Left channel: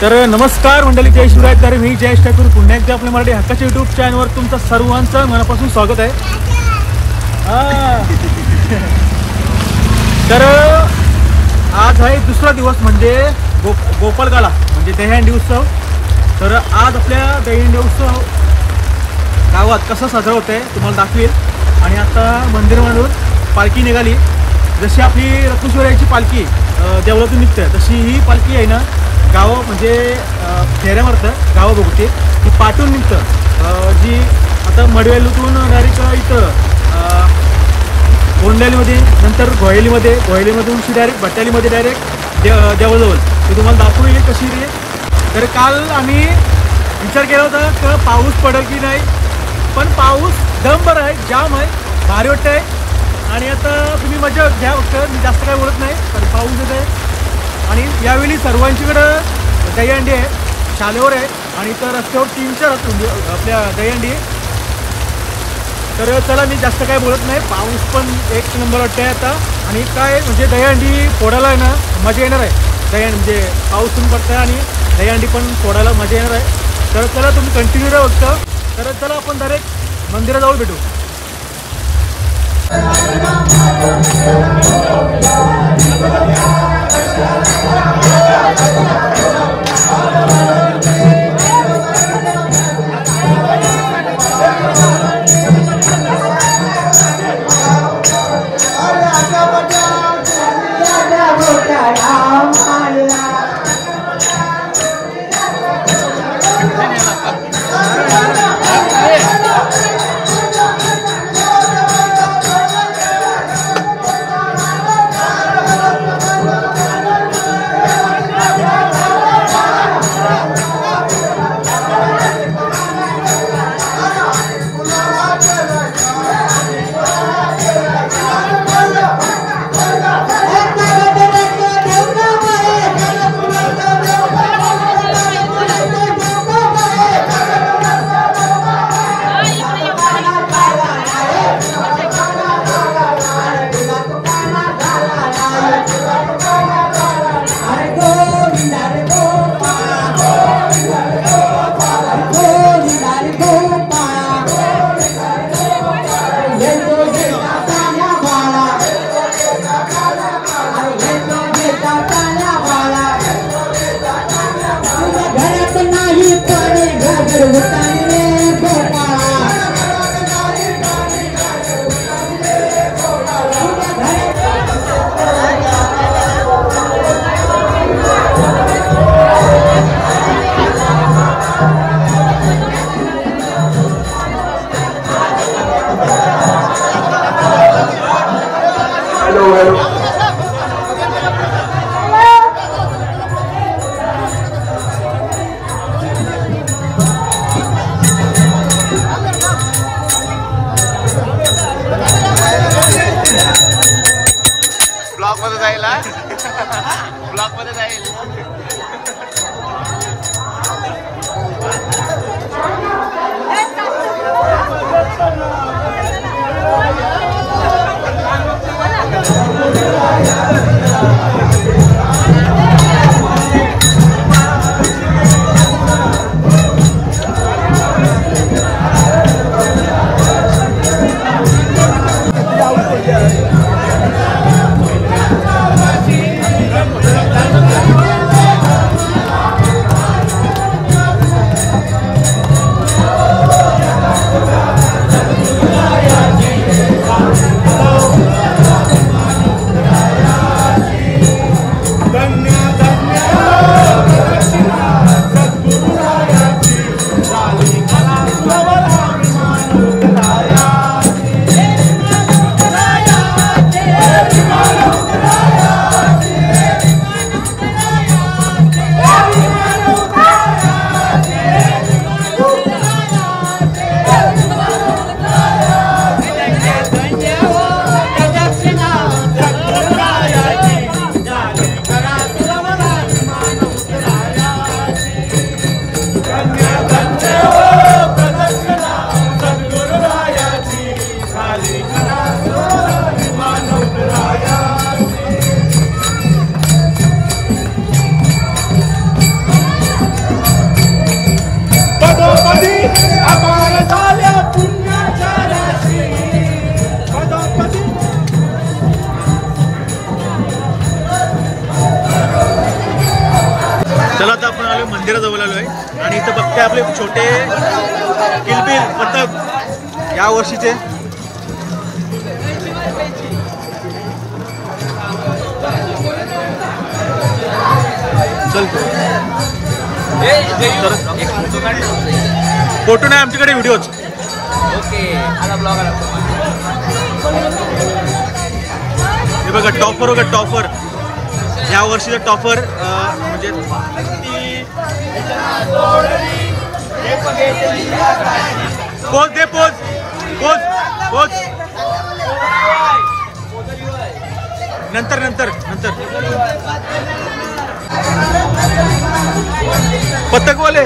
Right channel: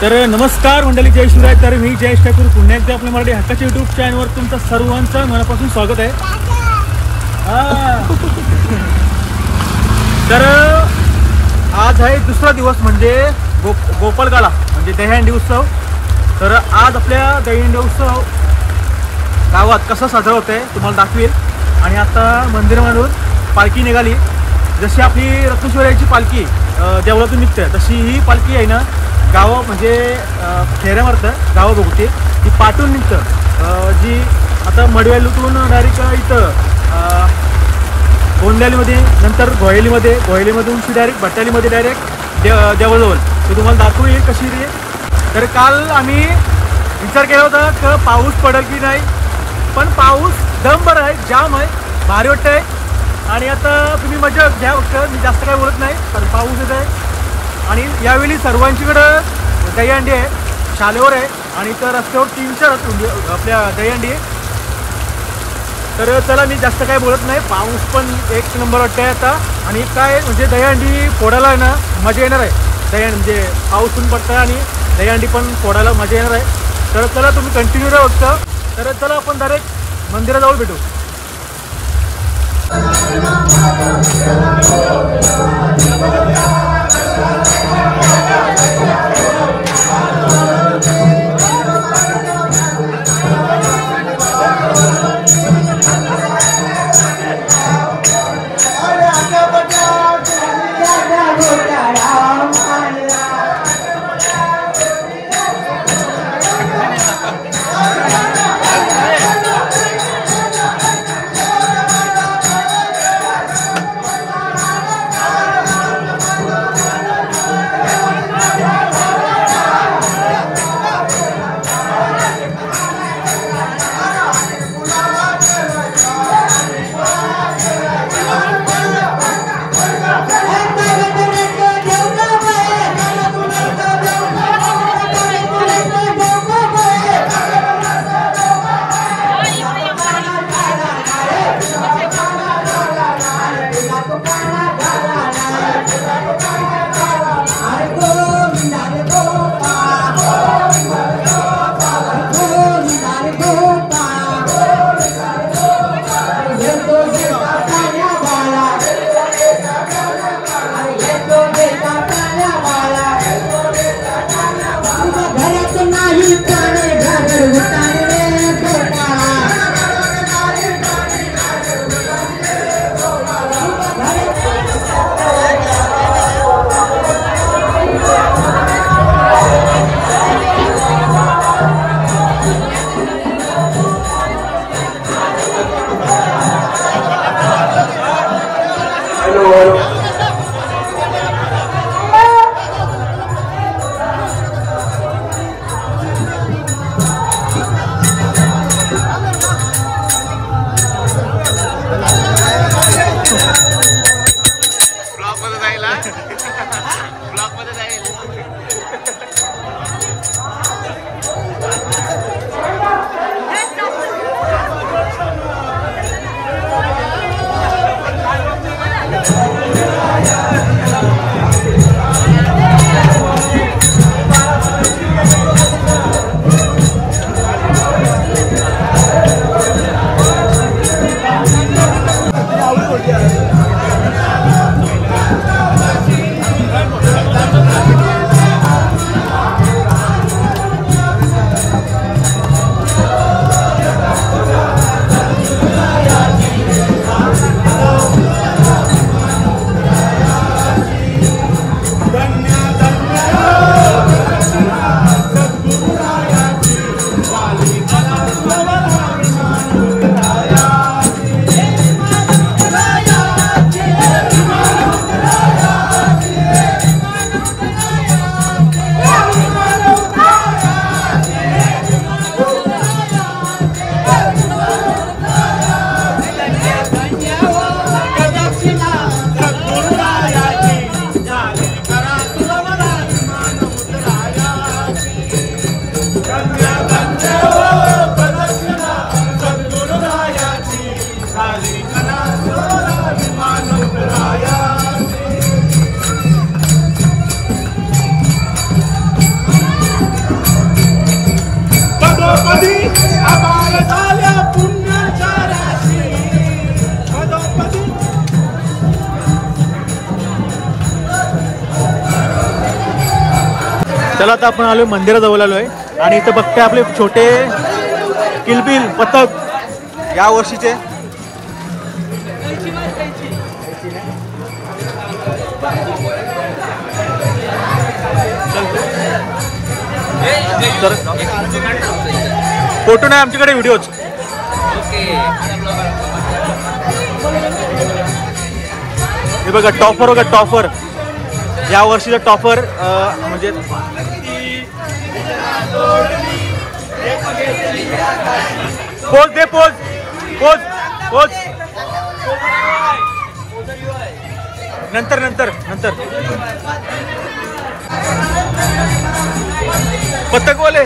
तर नमस्कार मंडळी, जय शिवराय. तर मी जयेश ठाकूर पुन्हा एकदा आपल्या मराठी हक्काच्या यूट्यूब चॅनलवर तुमचं सर्वांचं मनापासून स्वागत आहे. तर आज आहे दुसरा दिवस म्हणजे गोपालकाला म्हणजे दहीहंडी उत्सव. तर आज आपल्या दहीहंडी उत्सव गावात कसा साजरा होत आहे तुम्हाला दाखवेल. आणि आता मंदिरामधून पालखी निघाली. जशी आपली रत्नेश्वराची पालखी देवळातून निघते तशी ही पालखी आहे ना गावं म्हणजे फेऱ्या मारतं गावं बघते ती पाठून निघतं. जी आता मडवेलूतून डायरेक्ट इथं गोंडल्यालीमध्ये, नंतर घोयलीमधून ती डायरेक्ट भट्टालीमध्ये डायरेक्ट देवळजवळ ते तुम्हाला दाखवू येईल कशी रे. तर काल आम्ही विचार केला होता की पाऊस पडेल की नाही, पण पाऊस दमभर आहे, जाम आहे, भारी वाटतं आहे. आणि आता तुम्ही मजा घ्या फक्त, मी जास्त काय बोलत नाही कारण पाऊस येत आहे. आणि यावेळी सर्वांच्याकडं दहीहंडी आहे, शालेवर आहे आणि इथं रस्त्यावर 3-4 आपल्या दहीहंडी आहे. तर चला मी जास्त काय बोलत नाही. पाऊस पण एक नंबर वाटतं आहे आता. आणि काय म्हणजे दहीहंडी फोडायला आहे ना मजा येणार आहे. दहीहंडी म्हणजे पाऊस पण पडतं आहे आणि दहीहंडी पण फोडायला मजा येणार आहे. तर चला तुम्ही कंटिन्यू राहा फक्त. तर चला आपण डायरेक्ट मंदिराजवळ भेटू. ब्लॉक मध्ये जाईल. Thank you. चला आता आपण आलोय मंदिराजवळ आलोय आणि इथं बघते आपले छोटे किलबिल पतंग या वर्षीचे. चल फोटो नाही आमच्याकडे, व्हिडिओच. हे बघा टॉफर बघा, टॉफर या वर्षीचा टॉफर म्हणजे पोच दे, पोच पोच पोच नंतर नंतर नंतर पतंगवाले.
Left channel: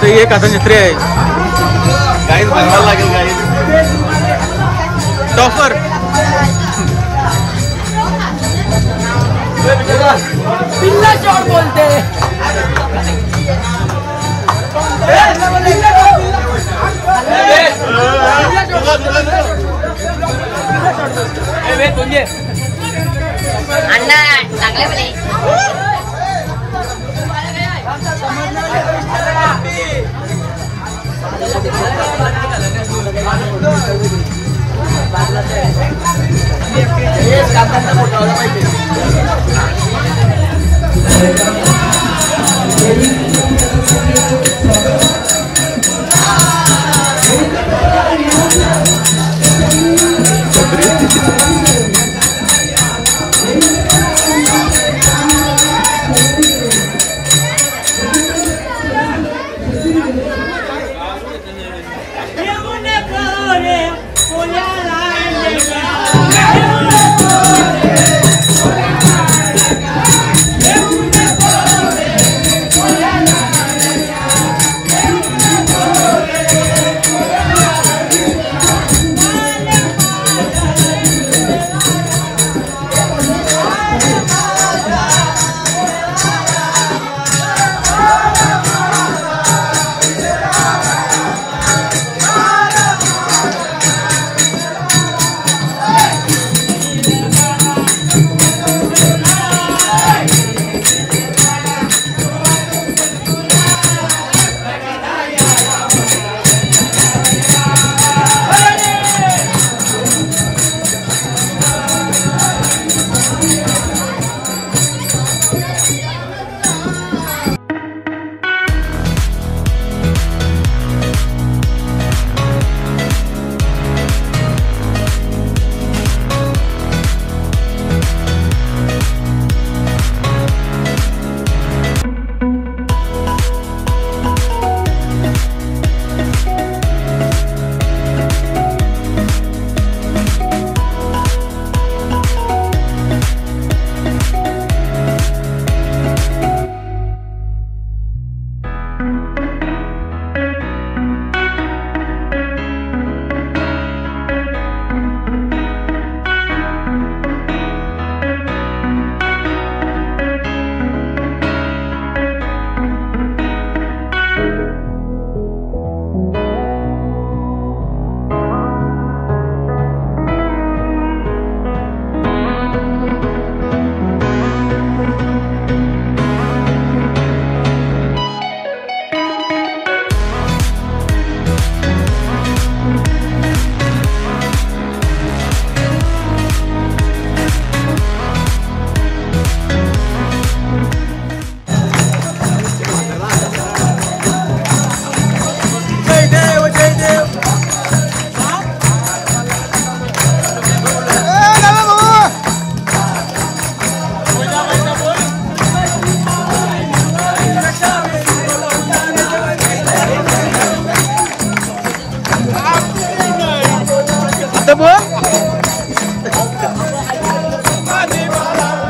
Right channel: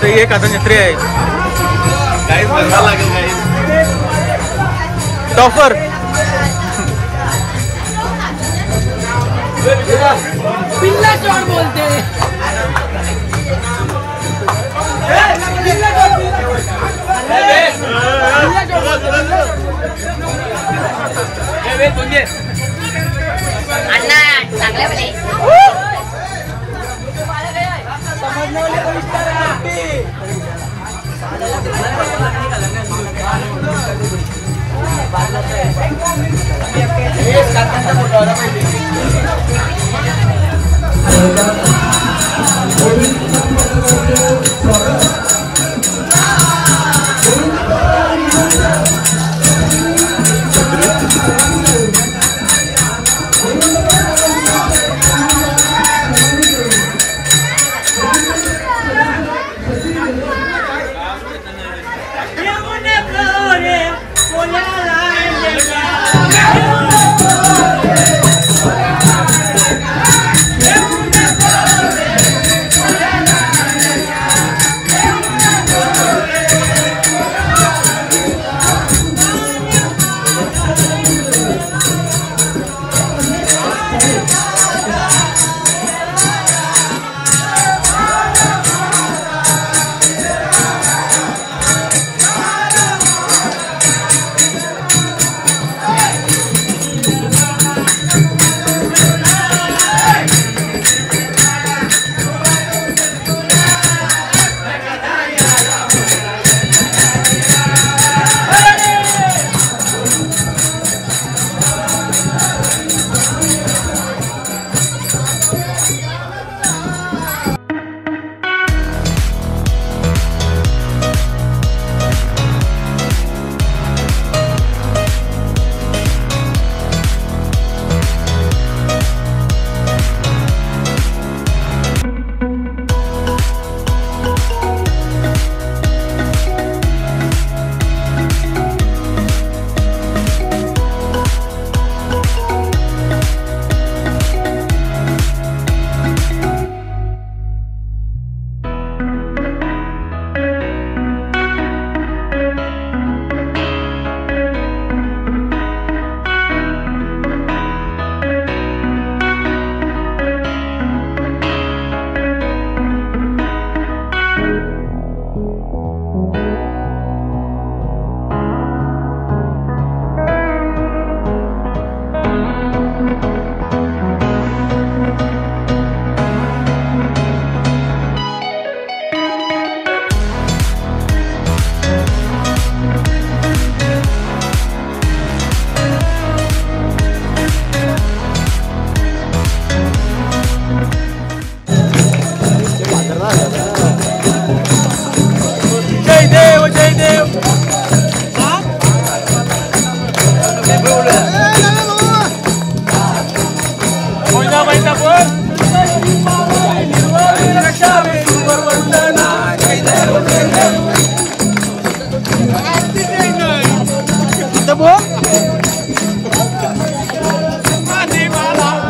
तो एक आता नेत्री आहे गाइस, बनवायला लागेल गाइस टॉफर. पिल्ला चोर बोलते अण्णा चांगले बने.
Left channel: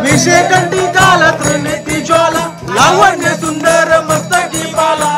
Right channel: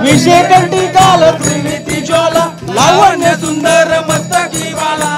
विषयकंठी काल त्रिमिती ज्वाला लावण्य सुंदर मस्तकी वाला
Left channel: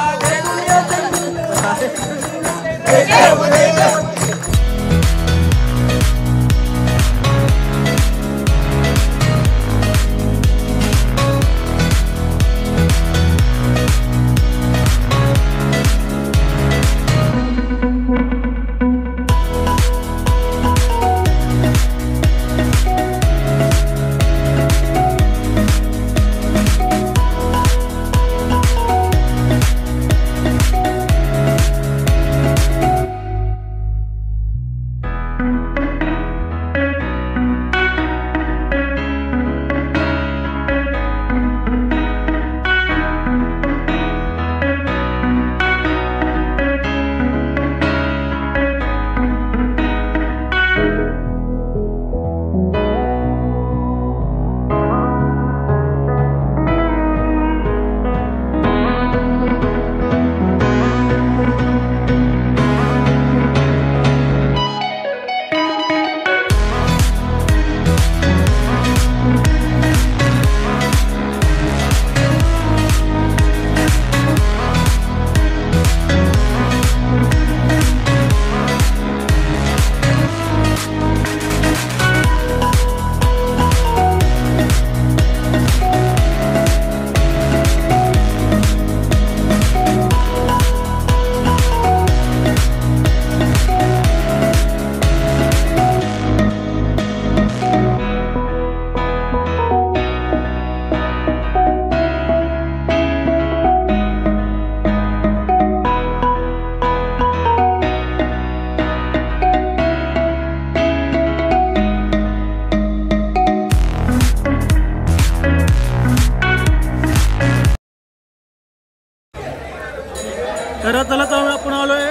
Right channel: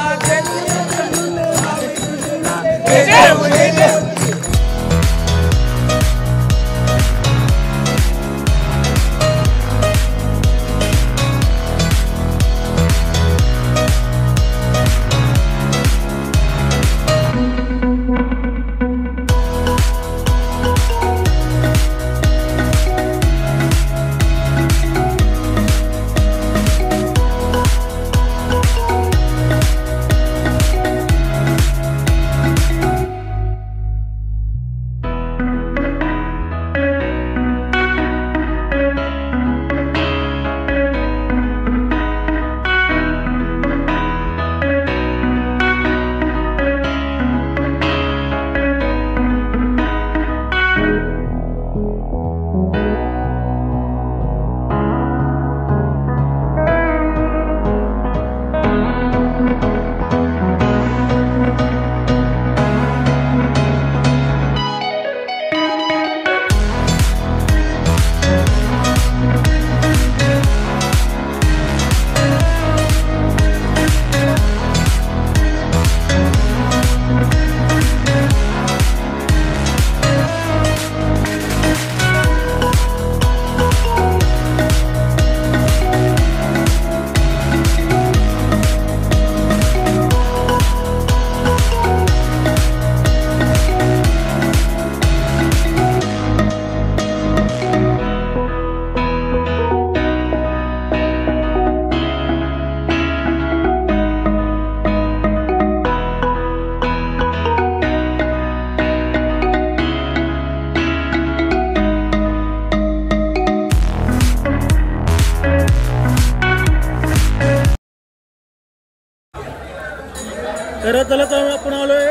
तर चला आपण आलोय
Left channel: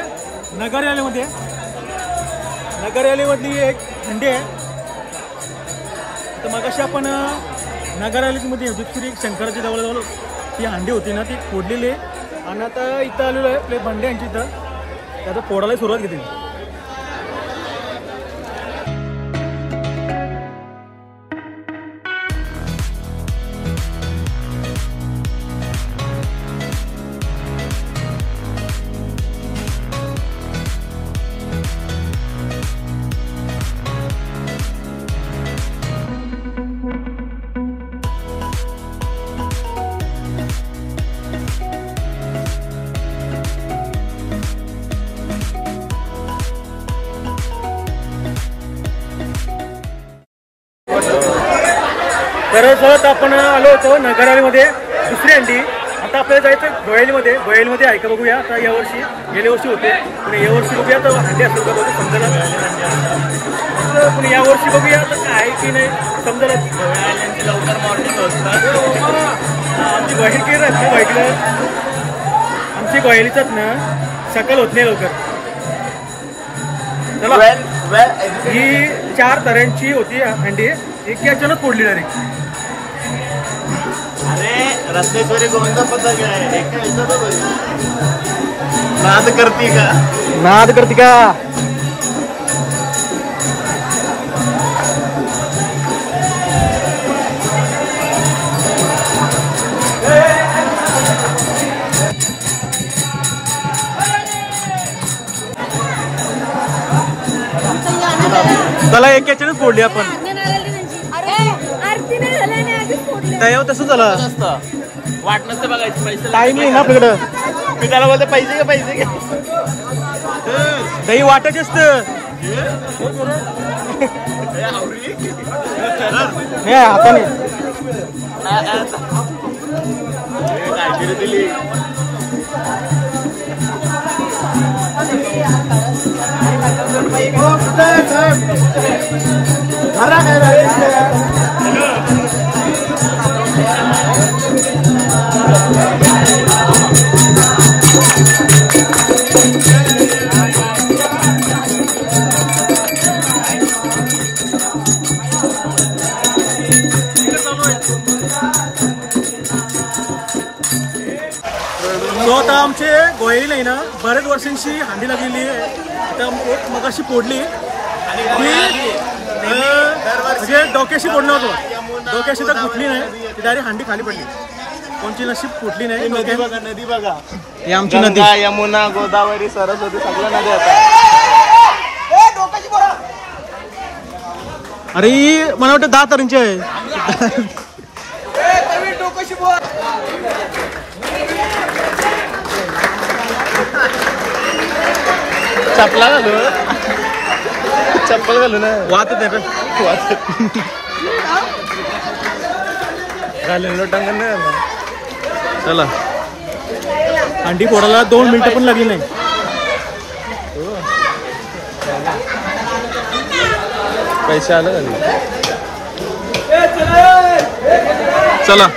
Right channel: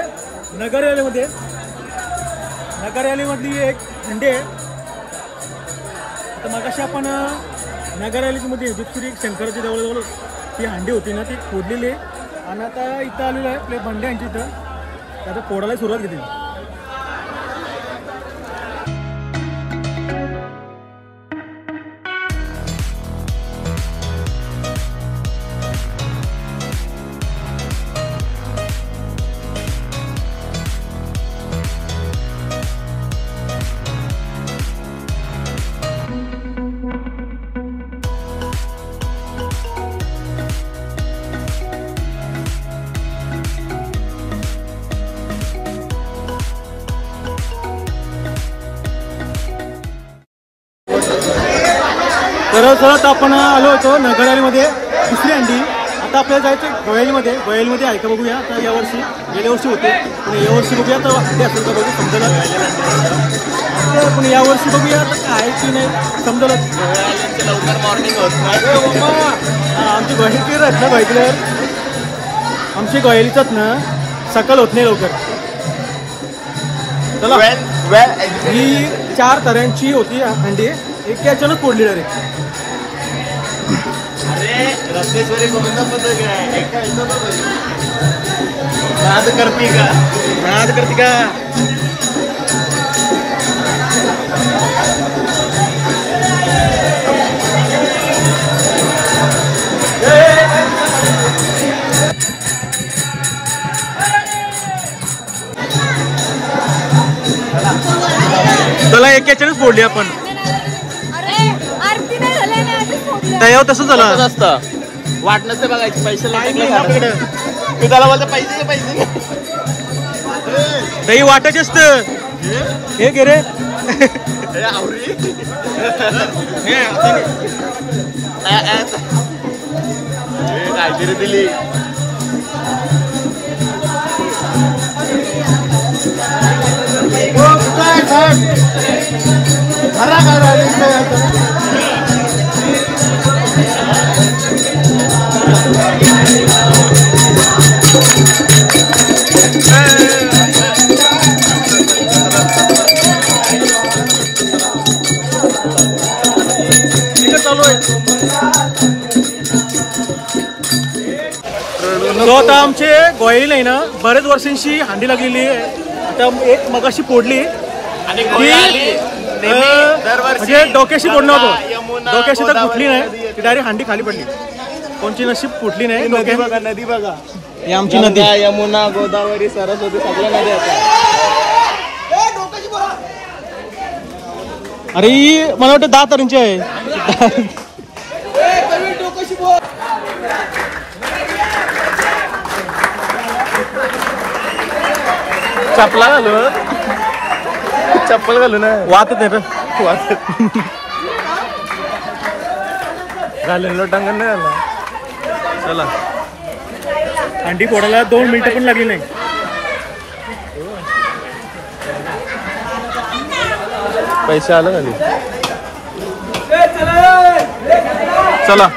नगर रॅलीमध्ये. नगर रॅलीमधली एक हंडी आहे. तर मगाशी आपण नगर रॅलीमध्ये जितपुरी शंकराची जवळ ती हंडी होती ना ती फोडलेली आहे आणि आता इथं आलेलो आहे आपले भंडे यांची इथं. तर आता फोडायला सुरुवात केली. तर चलत आपण आलो होतो नगर रॅलीमध्ये दुसरी हंडी. आता आपल्याला जायचं गोयलीमध्ये. गोयलीमध्ये आहे का बघूया. आता यावर्षी गेल्या वर्षी होते पण यावर्षी बघूया तर हंडी असेल का बघू समजलं. पण यावर्षी बघूया तर आहे की नाही समजलं. आमची गोयली आहेत ना गोयलीवर आमची गोयलीचाच ना सकाळ होत नाही लवकर. चला ही 4 तऱ्यांची होती हंडी. एक याच्यानंच फोडली डायरेक्ट. अरे रत्नेश्वरी कोणता पद्धत आहे एका नाद करते का नाद करते का. चला एक याच्यानंच फोडली आपण. त्यावर तसं झालं असतं. वाट नसते बघायची पैसे लागले. मी त्याला बोलतो पैसे का पैसे घे. दही वाटायचे असत. हे घे रे नाही हाताने दिली. तो आता आमचे गोयली नाही ना बरेच वर्षांची हांडी लागलेली आहे. आता एक मगाशी फोडली आणि म्हणजे डोक्याशी फोडणं होतो. डोक्याशी तर फुटली नाही ती डायरेक्ट हांडी खाली पडली. कोणची नशीब फुटली नाही. नदी बघा नदी बघा. ही आमची नदी यमुना गोदावरी सरस्वती सगळ्या नद्या आहेत. अरे ही मला वाटतं 10 तऱ्यांची आहे. चप्पल घालू ना वाहत नाही रे. चला अंडी फोडायला 2 मिनिटं पण लागली नाही. पैसे आले चला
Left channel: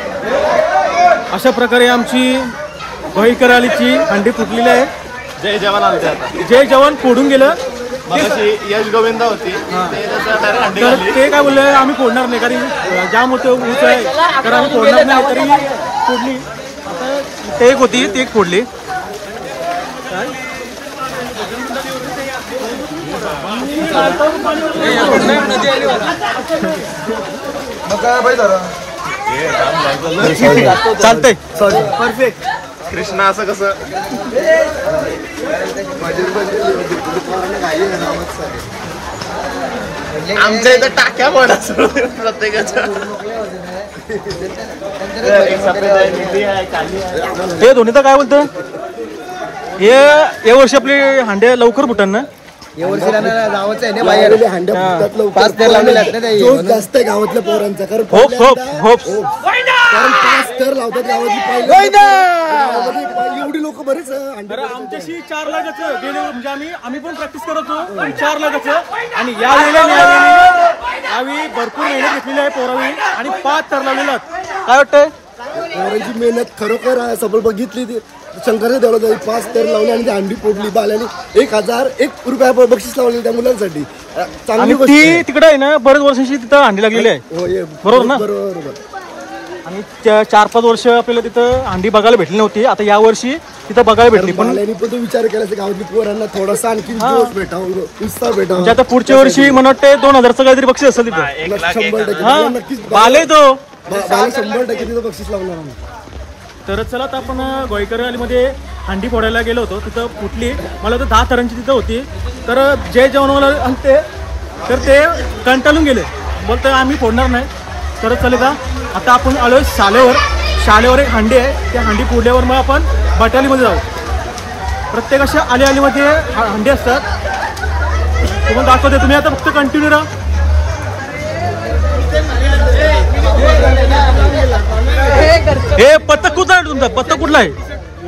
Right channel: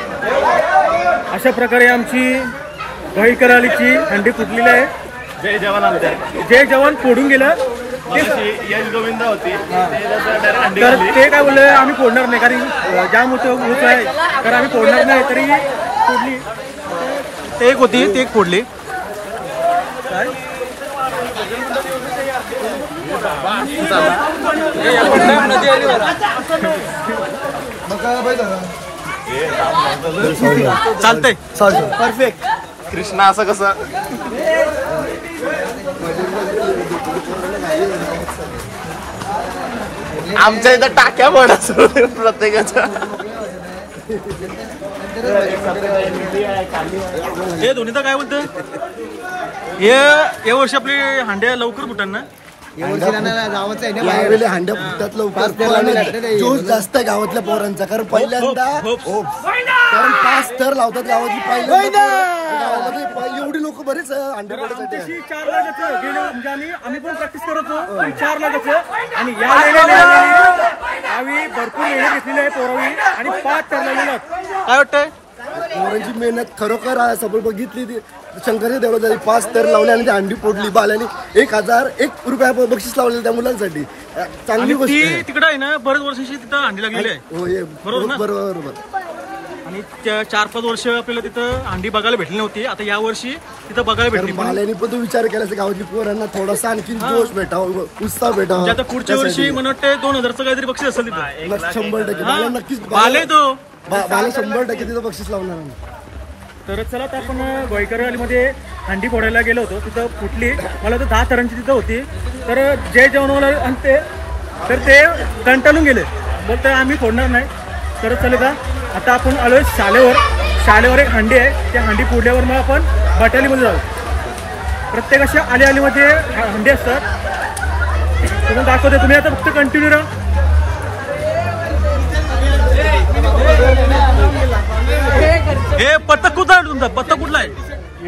अशा प्रकारे आमची गोईकर आलीची अंडी फुटलेली आहे. जय जवान आले आता. जे जवान फोडून गेलं यश गोविंदा होती तर ते काय बोलले आम्ही फोडणार नाही कारण जाम मोठं ऊस आहे तर आम्ही फोडणार नाही तरी फोडली. ते एक होती ती एक फोडली. काय चालतंय परफेक्ट. कृष्णा असं कसं आमच्या इथं टाक्या पडत प्रत्येकाच्या. हे दोन्ही तर काय बोलतं हे या वर्षी आपली हांड्या लवकर फुटान ना. यावर्षी गावाचं आहे ना बाहेर हांड्या फुटतात लवकर. जोश जास्त आहे गावातल्या पोरांचा कारण कारण 5 थर लावतात गावातली पहिल्यांदा गावामध्ये एवढी लोक बरेच अंडे. आमच्याशी 4 लाखाचं गेले म्हणजे आम्ही पण प्रॅक्टिस करत होतो पण 4 लाखाचं आणि यावेळी भरपूर मेहनत घेतलेली आहे पोरावी आणि 5 थर लावलेला. काय वाटतंय पोरांची मेहनत खरोखर सफल बघितली. ती शंकरच्या देवळात झाली 5 थर लावले आणि ती अंडी फोडली. बाल्याने 1001 रुपया बक्षीस लावलेलं त्या मुलांसाठी. चांगली गोष्ट ती तिकडे आहे ना बरेच वर्षांची तिथं अंडी लागलेली आहे. हो बरोबर ना. बरोबर. आणि 4-5 वर्ष आपल्याला तिथं अंडी बघायला भेटली नव्हती. आता या वर्षी तिथं बघायला भेटली. पण बाल्याने पण तो विचार केला गावातली पोरांना थोडासा आणखी जोश भेटावा उत्साह भेटावा. आता पुढच्या वर्षी मला वाटतं 2000चं काहीतरी बक्षीस असेल तिथं. 100% नक्कीच बाले तो बाला 100% तिथं बक्षीस लावणार आम्ही. तर चला आता आपण गोईकर वालीमध्ये अंडी फोडायला गेलो होतो. तिथं फुटली मला तर 10 थरांची तिथं होती. तर जे जेवण आणते तर ते कंटाळून गेले बोलतं आम्ही फोडणार नाही. तर चले का आता आपण आलोय शाळेवर एक हांडी आहे. त्या हांडी फोडल्यावर मग आपण बटालीमध्ये जाऊ. प्रत्येक अशा आलीमध्ये हांडी असतात. तुम्हाला दाखवते तुम्ही आता फक्त कंटिन्यू राहा. हे पत्तक कुठला आहे तुमचा. पत्तक कुठला आहे.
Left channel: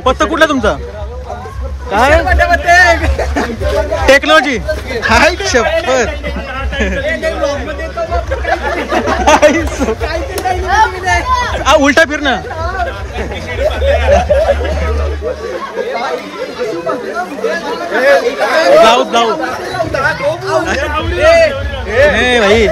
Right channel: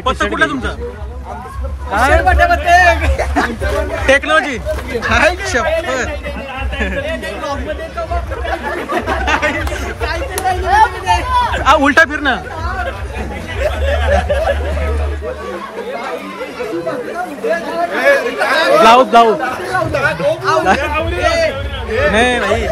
पत्तक कुठला आहे तुमचा. काय टेक्नॉलॉजी हाय शपथ. उलटा फिर ना. ब्लाउज नाही भाई.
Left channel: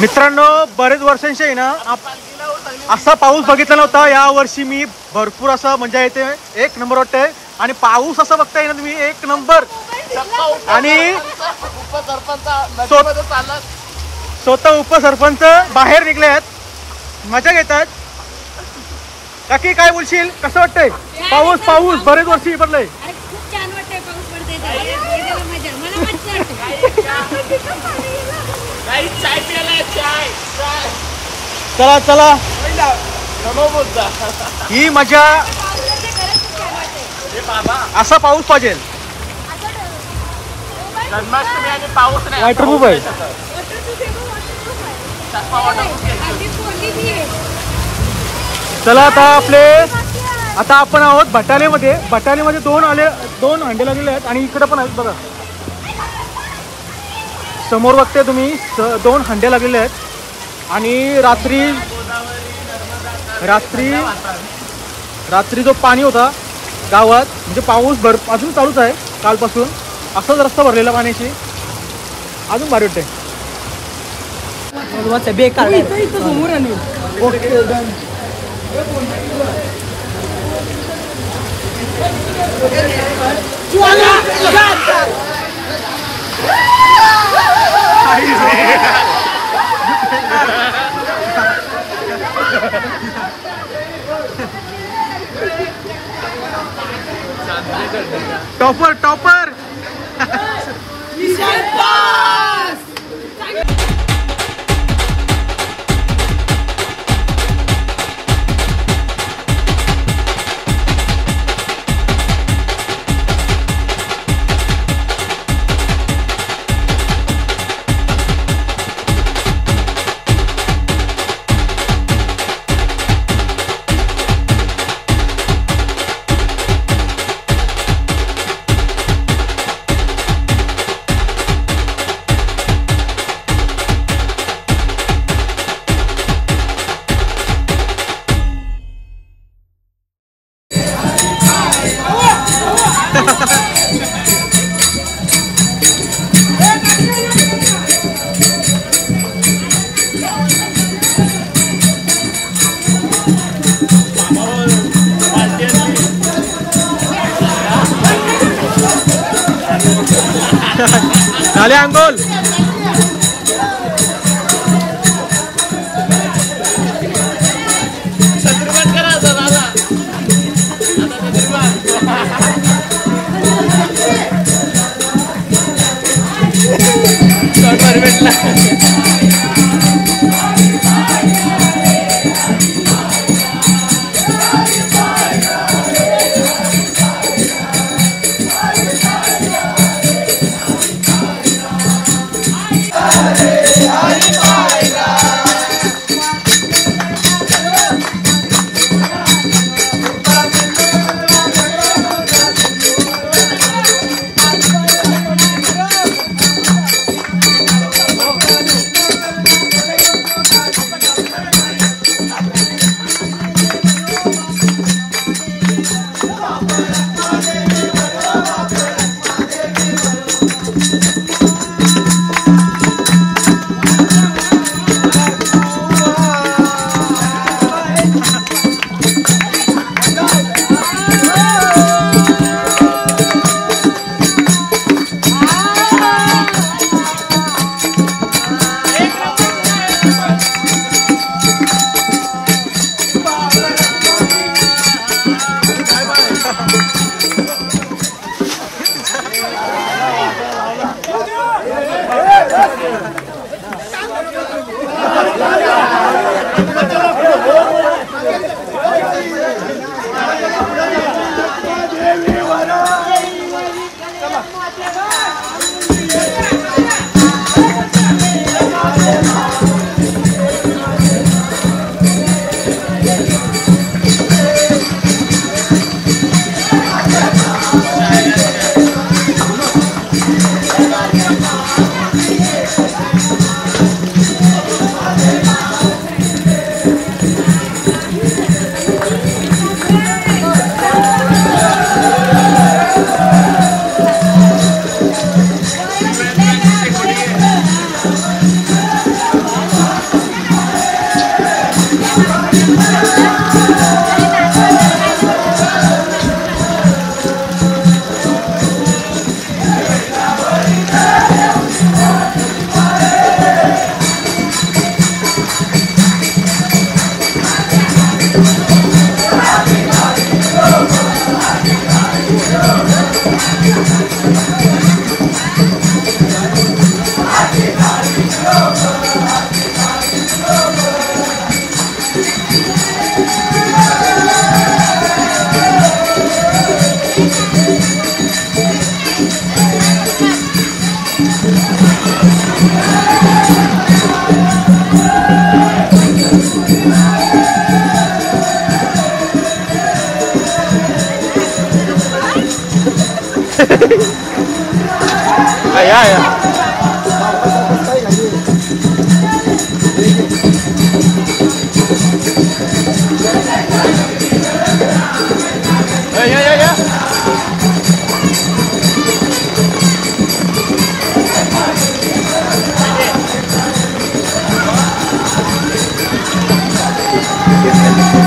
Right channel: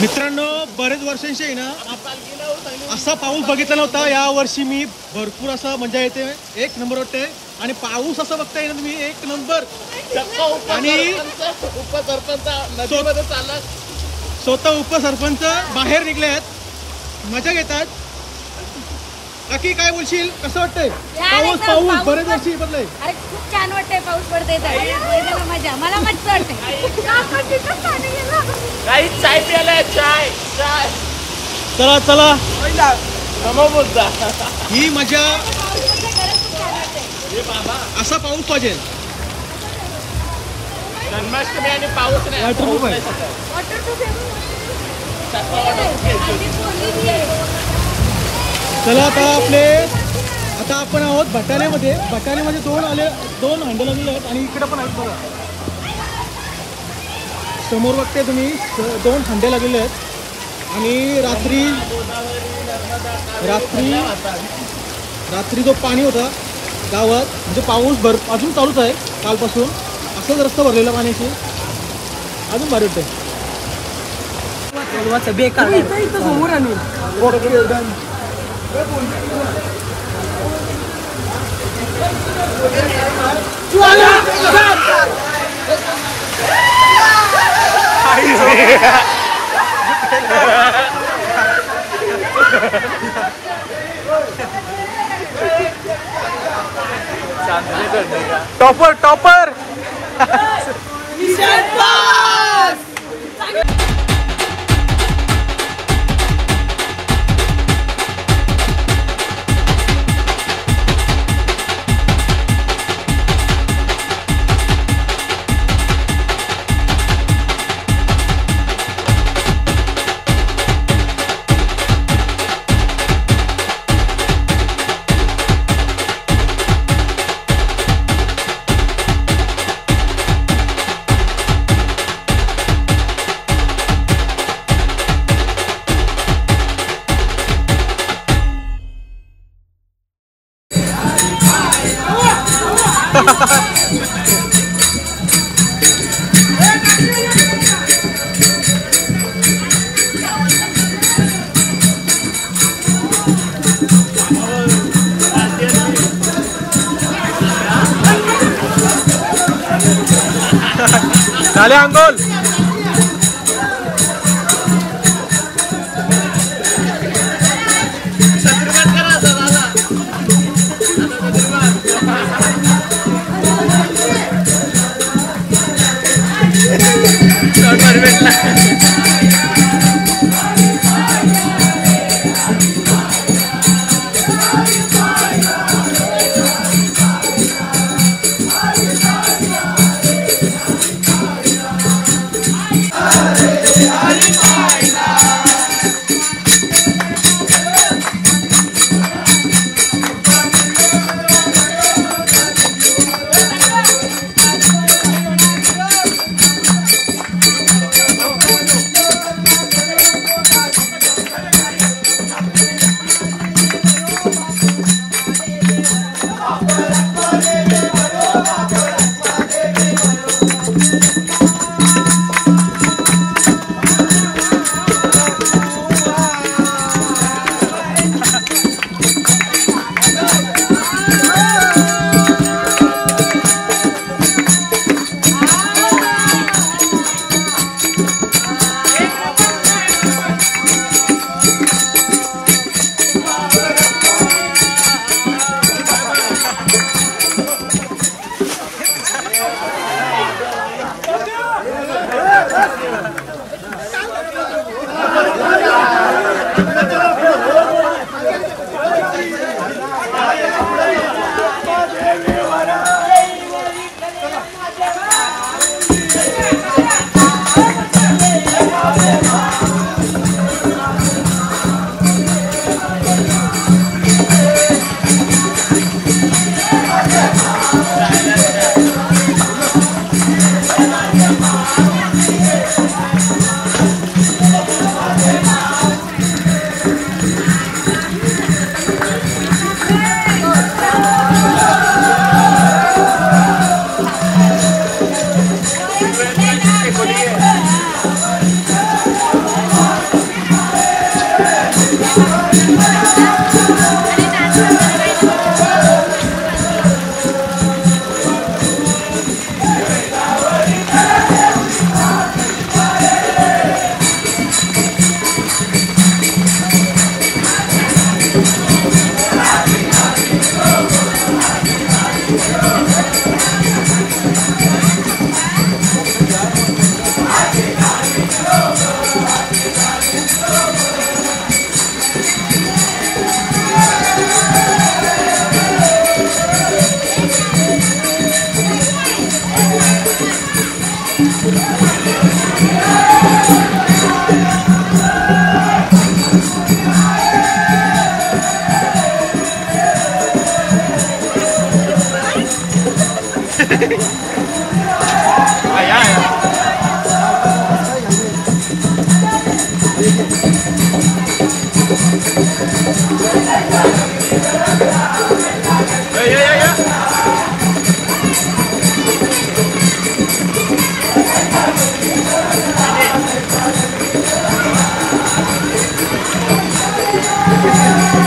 मित्रांनो, बरेच वर्षांशी आहे ना असा पाऊस बघितला नव्हता. या वर्षी मी भरपूर असं मजा येते. एक नंबर वाटतंय. आणि पाऊस असं बघताय ना तुम्ही, एक नंबर. आणि स्वतः उपसरपंच बाहेर निघले आहेत, मजा घेतात. काकी काय बोलशील, कसं वाटतंय पाऊस? पाऊस बरेच वर्षी पडलंय. खूप छान वाटतंय पाऊस पडतोय. मजा, मला मजा वाटते. चाय प्यायला चाय. चला चला, ही मजा. असा पाऊस पाहिजे. जन्माष्टमी आणि पाऊस नाही. वॉटरप्रूफ आहे. चला आता आपण आहोत बटालेमध्ये. बटालेमध्ये दोन हंडे लागलेले आहेत आणि इकडे पण आहेत बघा. समोर बघते तुम्ही 2 हंडे लागलेले आहेत. आणि रात्री जो पाणी होता गावात, म्हणजे पाऊस अजून चालूच आहे कालपासून. असंच रस्ता भरलेला पाण्याशी. अजून भारी वाटतंय. समोर आणू. Okay done. टॉपर झाले अंगोल.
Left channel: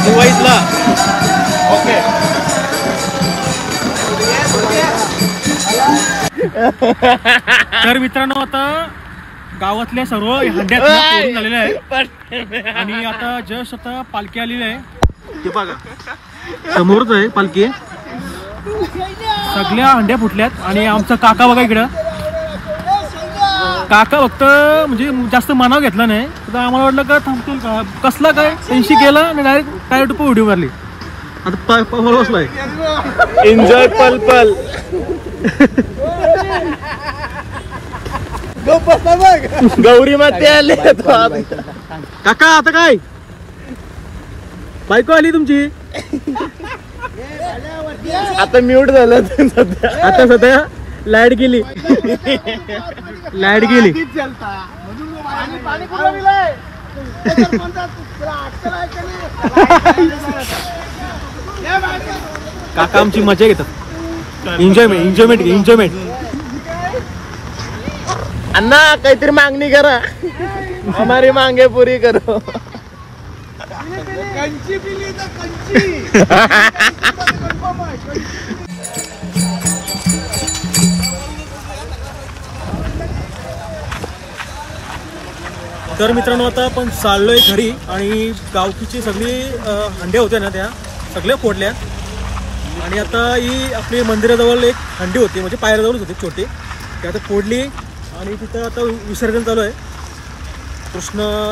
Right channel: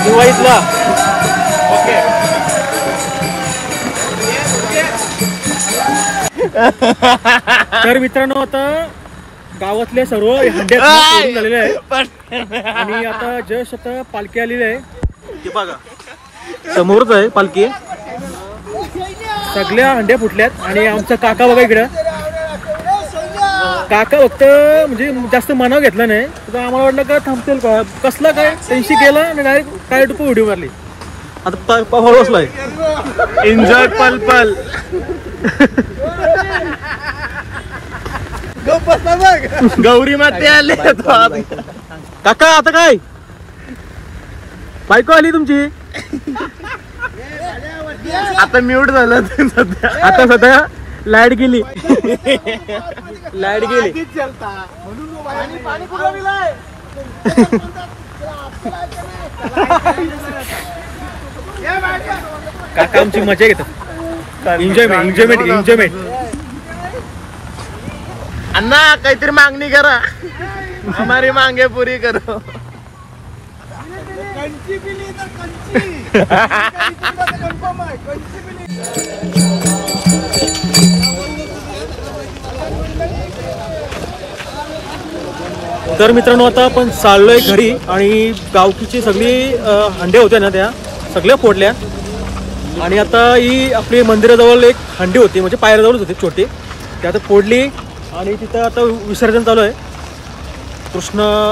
दिवाळीतला तर मित्रांनो आता गावातल्या सर्व हंडे फोडून झालेले आहेत आणि आता जस्ट आता पालखी आलेली आहे. ते बघा समोरच आहे पालखी. सगळ्या हंड्या फुटल्यात आणि आमचा काका बघा इकडं. काका फक्त म्हणजे जास्त मनाव घेतला नाही तर आम्हाला वाटलं का थांबतील का कसला काय त्यांशी गेला आणि डायरेक्ट टायर टुपं उडी मारली. आता पाहायला बसलाय. एन्जॉय पल पल. गौरी माते आली. काका आता काय बायको आली तुमची. आता म्यूट झालं सध्या. आता सध्या लाईट गेली. लाईट गेली. काका आमची मजा घेतात. एन्जॉयमेंट. अण्णा काहीतरी मागणी करा. हमारी मांगे पुरी करो. तर मित्रांनो आता आपण चाललोय घरी आणि गावकीची सगळी हंडे होत्या ना त्या सगळ्या फोडल्या आणि आता ही आपली मंदिराजवळ एक हंडी होती म्हणजे पायऱ्याजवळच होती छोटी ती आता फोडली आणि तिथं आता विसर्जन चालू आहे. कृष्णाचं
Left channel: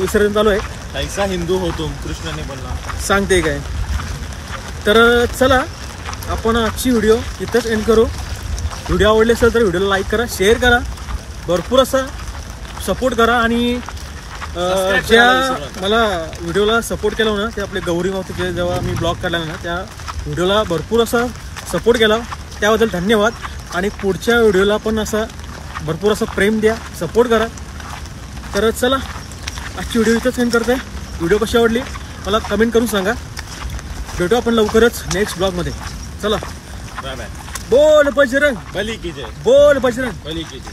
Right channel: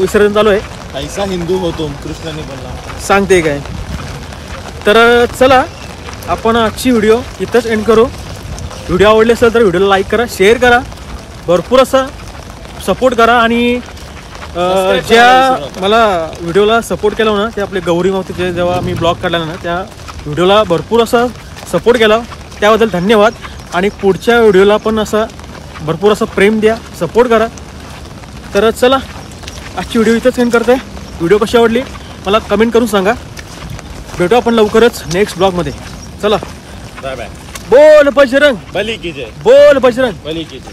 विसर्जन चालू आहे. ऐसा हिंदू होतो कृष्णाने बोलला सांगते काय. तर चला आपण आजची व्हिडिओ इथंच एंड करू. व्हिडिओ आवडले असेल तर व्हिडिओला लाईक करा, शेअर करा, भरपूर असा सपोर्ट करा आणि ज्या मला व्हिडिओला सपोर्ट केला ना ते आपले गौरी मावतीचे जेव्हा मी ब्लॉग काढला ना त्या व्हिडिओला भरपूर असा सपोर्ट केला त्याबद्दल धन्यवाद. आणि पुढच्या व्हिडिओला पण असा भरपूर असं प्रेम द्या, सपोर्ट करा. तर चला आजची व्हिडिओ इथंच एंड करते. व्हिडिओ कशी आवडली मला कमेंट करून सांगा. भेटू आपण लवकरच नेक्स्ट ब्लॉगमध्ये. चला बाय बाय. बोल बजरंग बली की जय. बोल बजरंग बली की जय.